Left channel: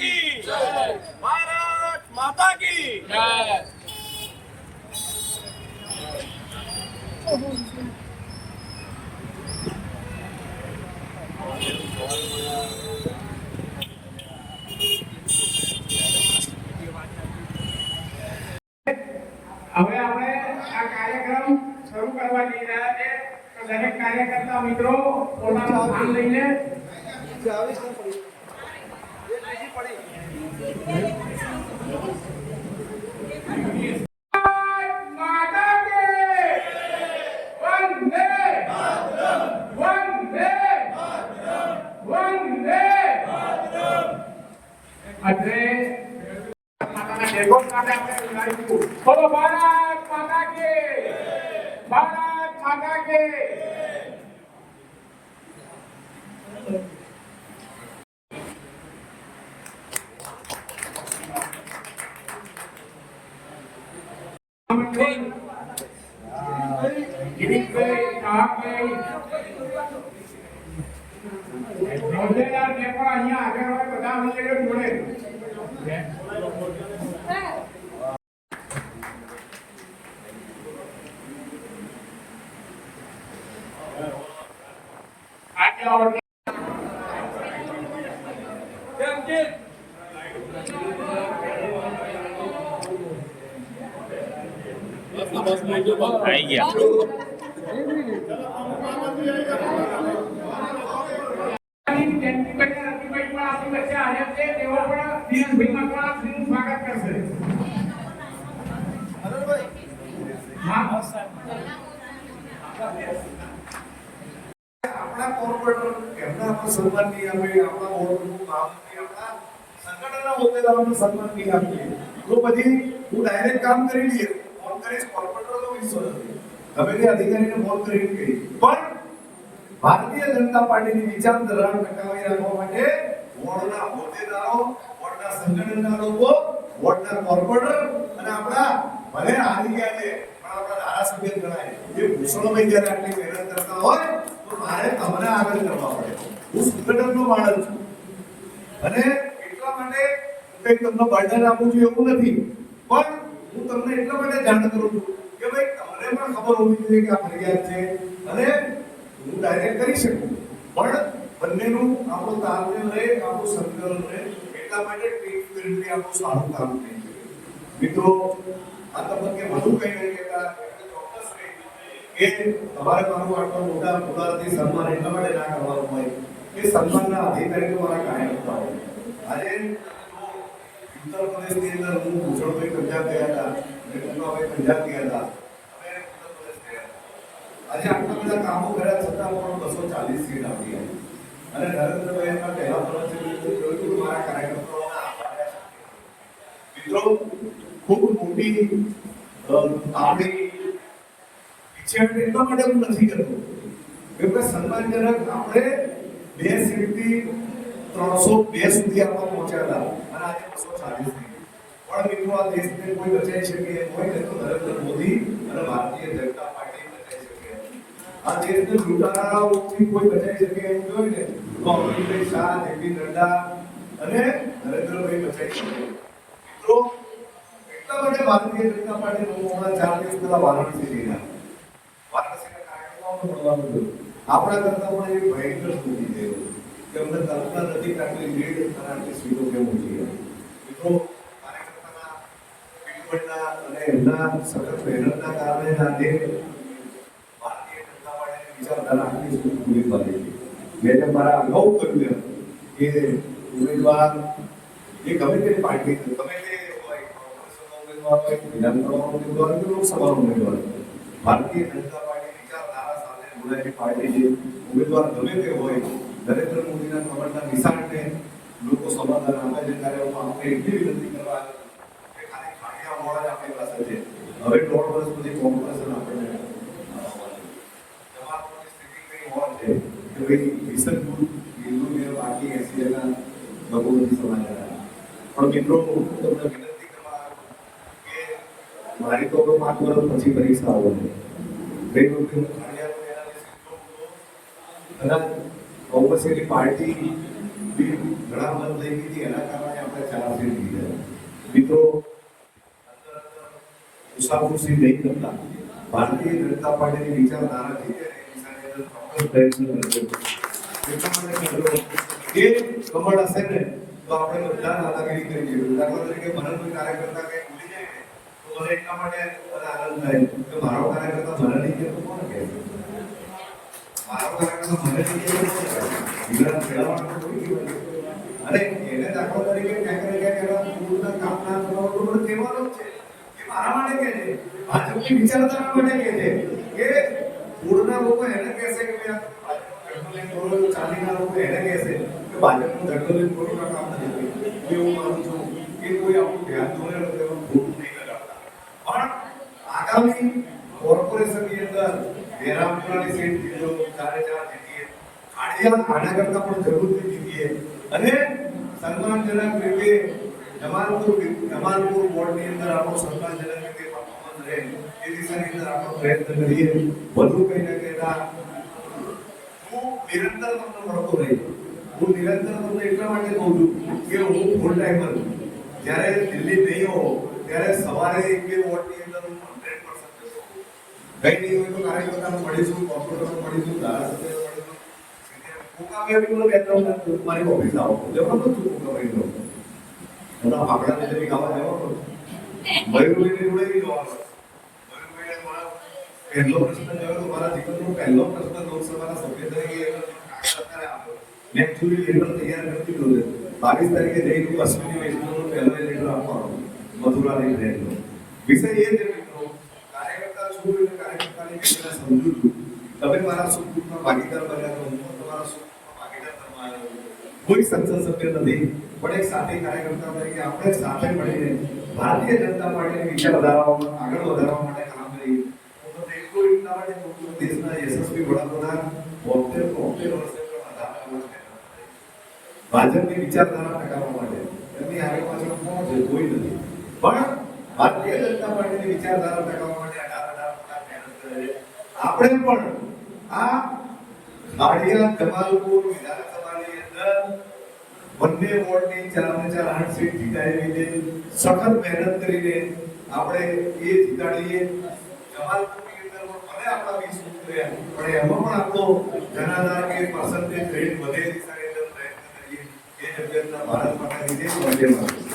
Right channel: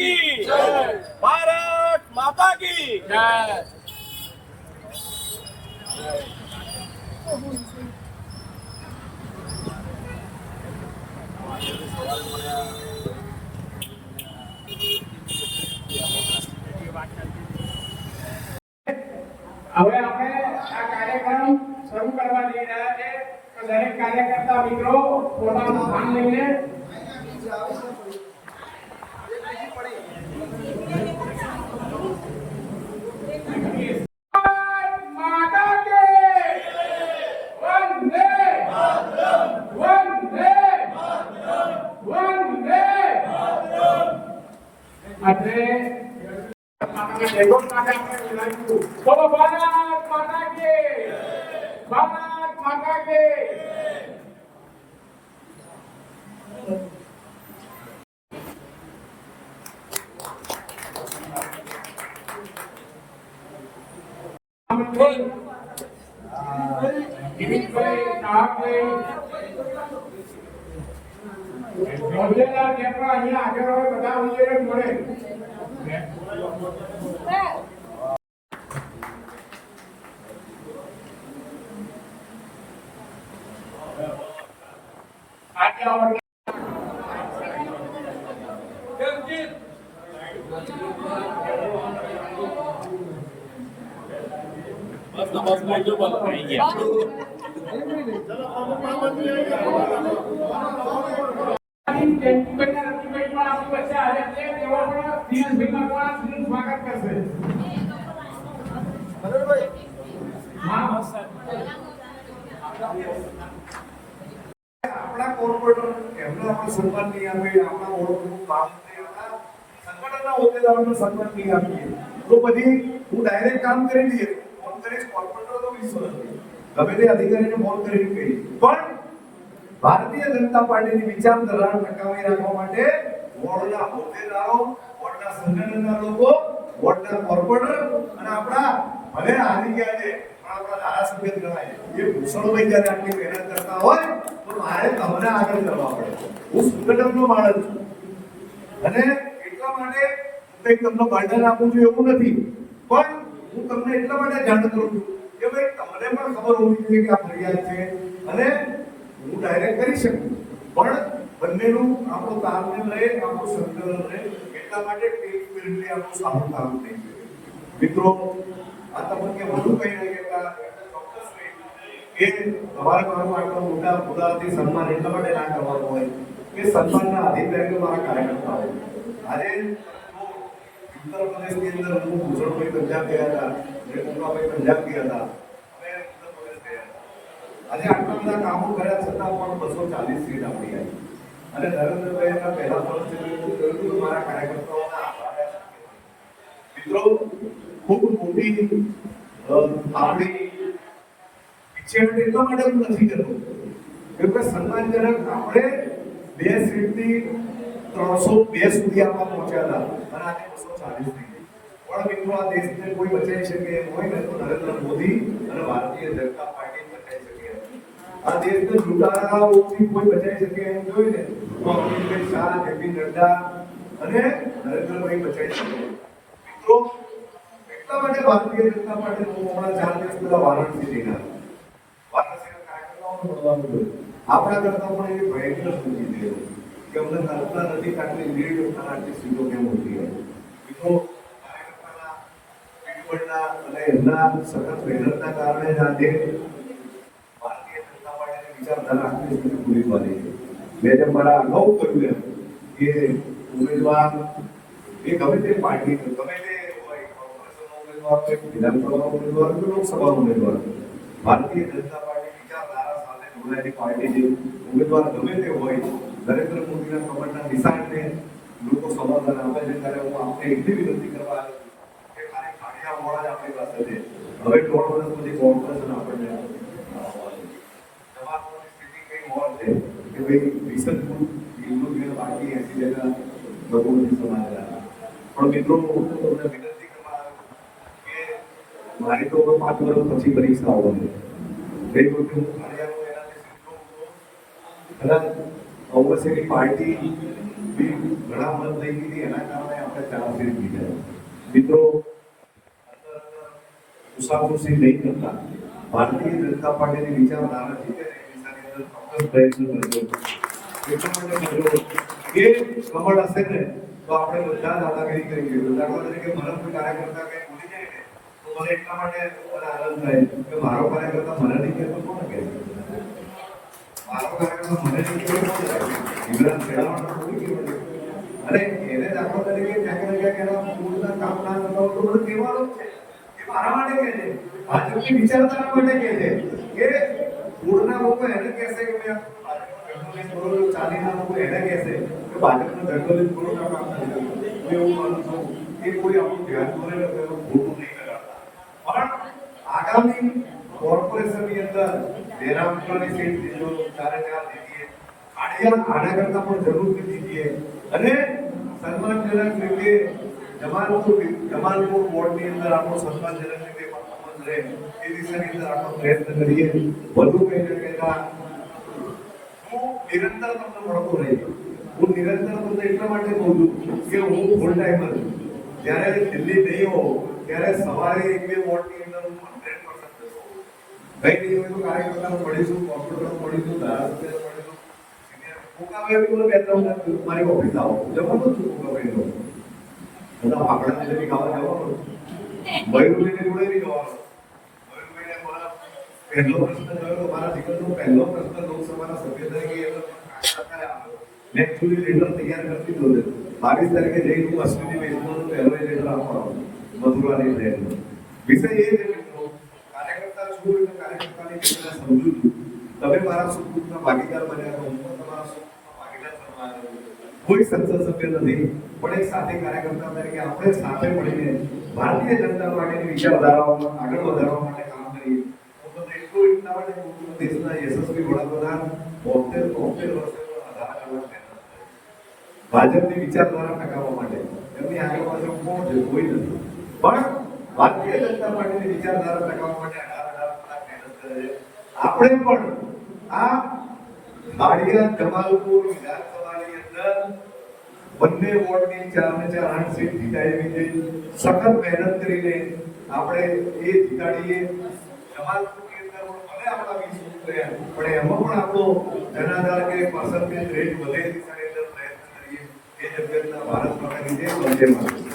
की जय, भारत माता की जय। હવે અમે આ કાર્યક્રમ શરૂ કરવા જઈ રહ્યા છે. દરેક કાર્યકર્તા મિત્રો પોતાનું સ્થાન લઈને બોલો ભારત માતા કી, ભારત માતા કી. હોદ્દેદાર જે પણ અહીંયા આગળ હોય બધા હોદ્દેદાર બોલે. આવી ગયા. આપણા કોર્પોરેટર એમના પણ સન્માન નહીં આપે, આપણા ઓળખનું કામ નહીં, આપણા સંગઠનના હોદ્દેદારોને સન્માન નહીં આપીએ તો પછી હું ડાયરેક્ટ કામ કરી લઈએ, ફોન કરીશ કોર્પોરેટર તો વિશ્વાસ ગમે તે અધિકારીને ફોન કરીને કહી. પણ ભારતીય જનતા પાર્ટીની વિચારધારા ટકાવી રાખવા માટે વોર્ડના હોદ્દેદારો, વોર્ડના સંગઠનના લોકો, વોર્ડના કોર્પોરેટર અને આપણા ભલે હારી ગયા છે પણ આપણા ધારાસભ્ય ગણાય એ ભૂષણભાઈ જ્યારે આટલી મહેનત કરતા હોય તો મારે તમને આગળ કરવા પડે. હું સંગઠનનો માણસ છું અને એટલા માટે કંઈક તમને બર્ડન આપું છું એવું નથી, પણ હું તમને એટલા માટે જાણ કરું છું કે ભાઈ તમને પણ ખબર હોવી જોઈએ કે આ ફરિયાદ છે અને હું ડાયરેક્ટ કરી શકું, પણ બંનેનું આપણું તાલમેલ રહે, આપણું સંકલન રહે, એટલા માટે ટીમ સ્પિરિટથી આપણું સારું કામ થઈ શકે. મિત્રો આ તબક્કે વધુ કંઈ નહીં કહેતા, ચોક્કસ કે તમારે મારું આટલું મોટા મોટાથી સન્માન એટલા માટે ના કરવાનું હોય કે સન્માનના અધિકારી મારા કાર્યકર્તા હોય. આજે ઉત્તર પ્રદેશની અંદર હું ભૂષણભાઈ પંજાબ ગયા હતા, રેણુકાભાઈ પંજાબ ગયા હતા, અમે ઉત્તર પ્રદેશ ગયા હતા. આજે આટલા બધા કામો કર્યા છતાં પણ 240 સીટ આપી હતી અને નરેન્દ્રભાઈ એમના પહેલા પ્રવચનમાં એવું કહ્યું કે મારા કાર્યકર્તાઓના આભાર. મિત્રો ખૂબ મોટી આપણી ઈચ્છા એટલા માટે હું નથી કરતો કે સન્માનજનક આપણે 2 સીટથી 302 સુધી આપવા પહોંચ્યા હતા અને આજે 240 થઈ. પણ મિત્રો આ દેશને કોઈ બચાવી શકે હોય ને તો નરેન્દ્ર મોદી અને ભારતીય જનતા પાર્ટી બચાવી શકે. આ દેશને લૂંટારાઓથી કોઈ બચાવી શકે એવું જોઈએ ને તો અમિત શાહ, જેપી નડ્ડા અને નરેન્દ્રભાઈ બચાવી શકે. મિત્રો એટલા માટે ભારતીય જનતા પાર્ટી લોકોના 4 દિવસ પહેલા વારાણસી જઈને વારાણસીના કાર્યક્રમોમાં મળવાનું હતું. આપણા કરતા પણ એ ભયંકર સ્થિતિ છે કે અમને કલ્પના નથી કે આટલી લીડ અને આટલી સીટો કેમ ઓછી છે. મિત્રો કાર્યકર્તાના પીઢીઓના અને એમના સખત મહેનતના કારણે જ આજે ભારતીય જનતા પાર્ટીની વિચારધારા આટલી સુધી પૂરી પાડી છે. મેં જેમ મારા અગાઉ કહ્યું કે ઉમેદવાર એ ગમે તે પાર્ટી ગમે તે લોકસભાનો ઉમેદવાર ભારતીય જનતા પાર્ટી વિચારધારા સાથે જોડાયેલી પાર્ટી છે. ઉમેદવાર ગમે તે હોય, નરેન્દ્ર મોદીના કમળના નિશાનને લોકો સમાધાન આપે છે ત્યારે હું આપણે એટલી વિનંતી કરવા કે ખાલી ખાડિયા મોડા જ આપણી પાસે છે. હવે 1.5 વર્ષ પછી કોર્પોરેશન આપણને જવાબની સ્થિતિ કઈ હોય છે કે ભાઈ વિસનપુર હિન્દુ પાર્ટી 80 લોકો નથી સમાધાન. પણ મિત્રો તમને વિનંતી મારી તો 5 વર્ષ પછી પરીક્ષા આવવાની ગઈ વખતે હું કોંગ્રેસની પાર્ટી બી ઘણા મત લઈ ગઈ એના કારણે આપણે ચલાવશે મિત્રો મુસાફરી નહીં કરતા ભારતીય જનતા પાર્ટીની વિચારધારા જે છે એ દિશાની અંદર ચોક્કસ પ્રયત્ન કરજો એટલા માટે મિત્રો એ કમળ હશે ને તો આપણે બધા દાદાગીરી કરીએ દાખલા તરીકે મને કોઈ કાર્યકર્તા કઈ ભૂલી જાય ને તો મને એટલા માટે આનંદ થાય કે મારો કાર્યકર્તા મને નહીં કરતો કોણ કહે મારો કાર્યકર્તા મને નહીં કરતો અને એને દાખલા તરીકે ક્યાંક ને ક્યાંક એના પૂરના કામ ના કરવાનું કહેવાનું જ છે એ મારા માટે કહે છે ભાજપની વિચારધારા માટે કહે છે કે પૂરના લોકો એને કહેશે કે ચાલીના લોકો એને કહેશે કે ભાજપનું ધડકલીન પૂરના કામ નથી હું એવું માનું છું કે કોઈ આપણું ધ્યાન દોરે ખોટું નહીં કરાવતા પણ આગામી કોર્પોરેશનની અંદર બેરામપુરાની સીટ દીધો 4 દીધીએ આના કરતા પણ જરૂરથી દીધીએ અને સન્માનજનક રીતે જમાલપુર વોર્ડની અંદર આપણો સન્માનજનક રીતે પરફોર્મન્સ રહે એ દિશાની અંદર આપણો પ્રયત્ન કરીએ વધુ કંઈ ના કહેતા હું નિરંતર તમને મળતો નહીં હું નિરંતર તમને એટલા માટે કહું છું કે હું ફૂલ ટાઈમર જ્યારે દિલ્હી નહીં હોઉં ત્યારે સવારે 1-2 વોર્ડની અંદર હું 100% કઈ નહીં હોય તો કાર્યકર્તાઓ મળીશું કોમ્પ્યુટર મળીશું ધારાસભ્ય મળીશું મુકાબલા મારી ઓફિસ આવો જવાનું છું મુકાબલા બધા પાકડા ને ગાવા જવાનું મયુરભાઈને જોડે બી જવાનું મયુરભાઈને મારા પહેલો પ્રશ્ન જોયો મારા જીવનનો પહેલો પ્રશ્ન લોકસભાના સભ્ય તરીકે મેં એકચ્યુઅલી લેટર તૈયાર કરી દીધો છે 22 તારીખે જઈને હું અશ્વિની વૈષ્ણવનો પહેલો લેટર આપવાનો મથુરાની ટ્રેનનો વિષય એ છે મિત્રો કાર્યકર્તા છું એટલે કાર્યકર્તાની રીતે સમજુ છું તમે મારા સુખ દુઃખના ભાગીદાર બન્યા તો હું તમારા સુખના ભાગીદાર બનવા કોઈ સંસદ સભ્ય નથી પણ એક સાથે કાર્યકર્તા તરીકે આપણે સાથે મળીને ભારતીય જનતા પાર્ટીની વિચારધારાઓને આગળ વધારવા માટે કામ કરીએ તો એટલું એટલા માટે દેશના યશસ્વી વડાપ્રધાન 73 વર્ષે ભાજપની વિચારધારા ટકાવવા માટે એમની આગળ પાછળ કોણ છે કોઈ નથી પણ ભારતીય જનતા પાર્ટીની વિચારધારા ટકાવવા માટે 18 મહેનત કરે છે આપણે પણ આ હાડિયા જમાલપુર વિધાનસભાની અંદર બંને વોર્ડની 4 સીટ જીતાવી છે સખત મહેનત કરીને આપણે એ જીતાડીએ જમાલપુરની અંદર ભલે આપણા 20 કર્યા પણ એમાં પણ આપણો જનાધાર કે પર્સન્ટેજ રેટ વધે દિશાની અંદર પ્રયત્ન કરીએ એ જગ્યાના ભારત માતાની જય વંદે માતરમ